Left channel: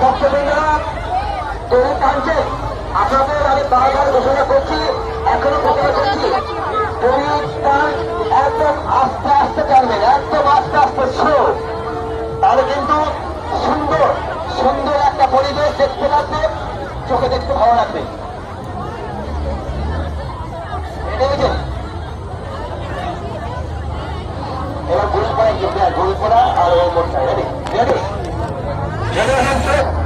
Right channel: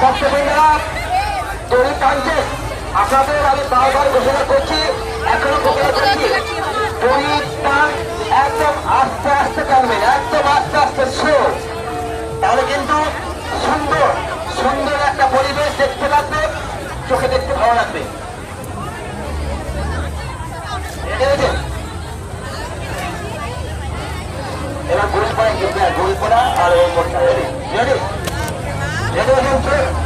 ভক্তবৃন্দরা দড়ি টানছে, আপনাদের আমি বারবার ঘোষণা করছি, এখনো ঘোষণা করছি, দড়ি টান একদম আস্তে আস্তে টানবেন, একদম আস্তে আস্তে স্লো, তাহলে কিন্তু সুন্দর সুন্দর একটা পরিবেশ দেখতে লাগবে, চোখে দেখতে ভালো লাগবে। এবার গোল পড়া কিন্তু গোল পড়া আর ওই মোটটা রেডি রেডি রেডি